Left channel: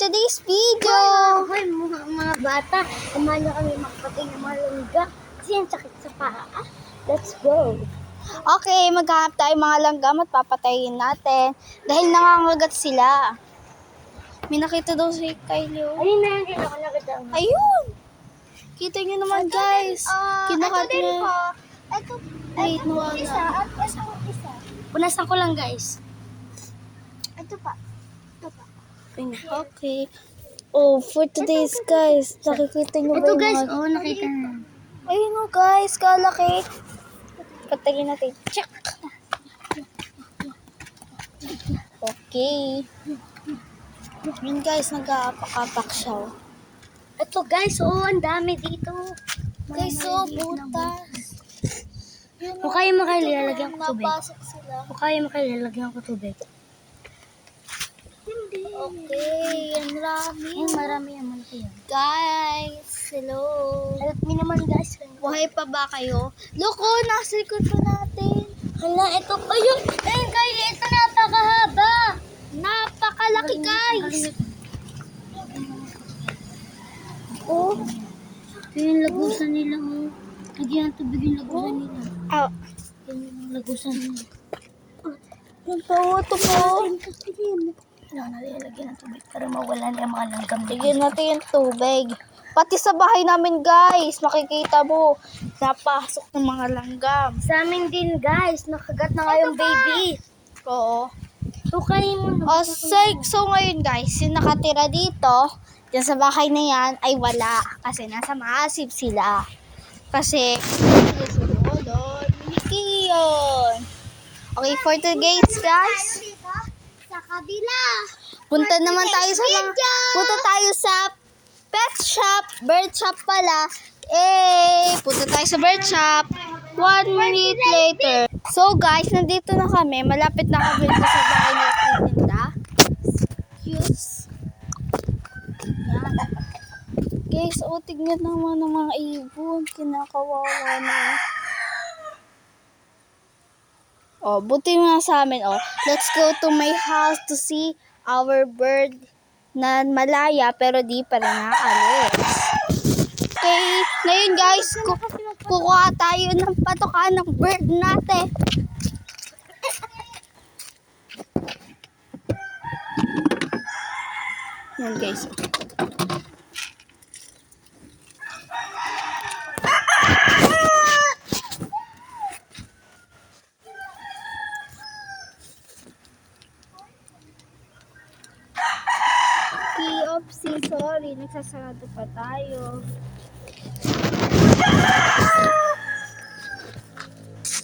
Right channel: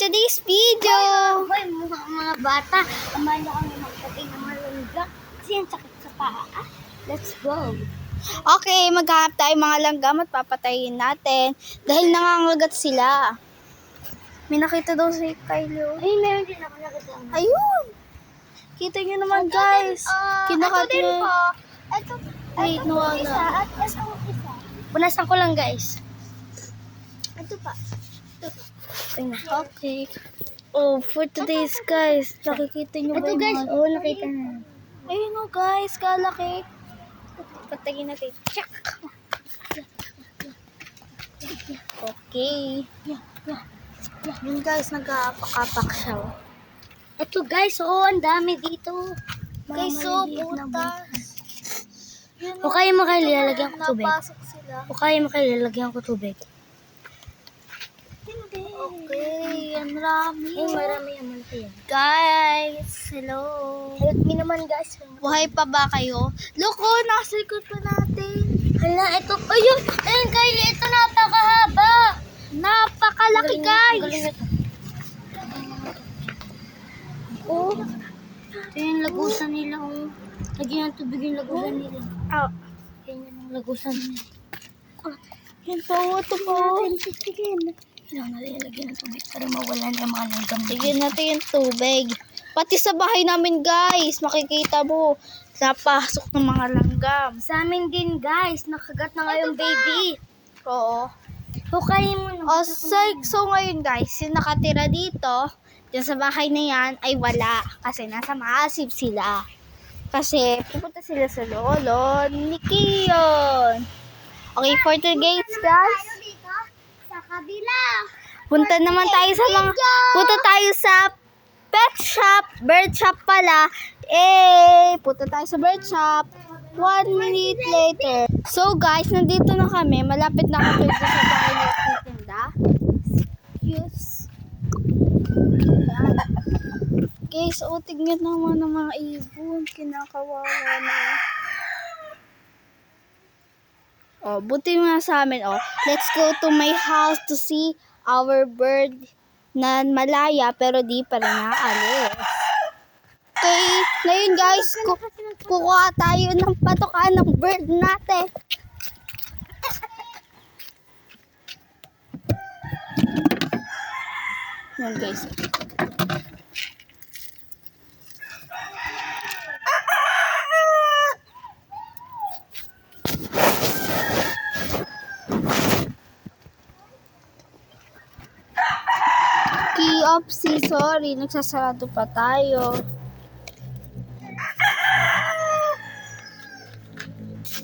today's video. Hoy, mga bata, samahan niyo kami magpatay ng mga langga. Kasi yung sakit sa paa. Let's go. Okay, maghanap tayo mga langgam at papatayin natin dahil nangangagat sila. May nakita daw si Kylie. Ayun na yung nakita mo. Ayun! Kita nyo naman guys. Kinakat ito din niya. po. Ito Wait, po nawala. isa at ito isa. Punasan ko lang guys. Ito pa. Ito pa. Okay. Oh, for today's guys, nakikita nyo ba Ito yung guys, mga... oh nakita na. Ayun o guys, kalaki. Patayin natin. Check. Okay. Yun guys, nag-aapak-apak siya. Oh. Ito guys, oh ang dami dito. Guys, so butas. Yun, O kaya mo kayo lalagyan ko tubig. napasok sila. O kaya mo kayo lalagyan ko tubig. Hindi. Okay, ang rami. Ay, marami yung malaki yan. Guys, hello. Help me naman guys. Buhay pa ba kayo? Loko, nasa likod pa natin. Hala, ito. Ayun, ayun guys, ito napakahaba. Napakalaki guys. Oh, ito yung lagusan nila. Oh. Lagyan ng tubig yung lagusan nila. Oh, Yan yung lagusan nila. yan po, ito po. Kailangan natin lagyan ng tubig para mawala na yung mga langgam. Bigyan natin yung tubig. Pati sa bahay namin guys, makikita mo, napasok ng mga langgam. Sa amin din guys, nakagat na nga yung baby. Oo. Hukayin mo na. So ngayon guys, yung nakatira dito, dyan sa bahay na yan, ay wala. Kasi nasa maasip sila. Kasi sila sa lolo ni Kiyon. Okay, for today's guys, Sa kabila. punta naman tayo sa mga, punta tayo sa pet shop, bird shop pala. Punta tayo sa bird shop. 1 minute later. So guys, nandito na kami. Malapit na kami dito sa bahay na titinda. Excuse. Yan. Guys, tignan naman ng mga ibon. Kinakawawa na. Buti nga sa amin. Let's go to my house to see our bird na malaya pero di pa rin naalis. Okay, ngayon guys, kukuha tayo ng patokaan ng bird natin. Yan guys. Sorry, nagsasarado pa tayo.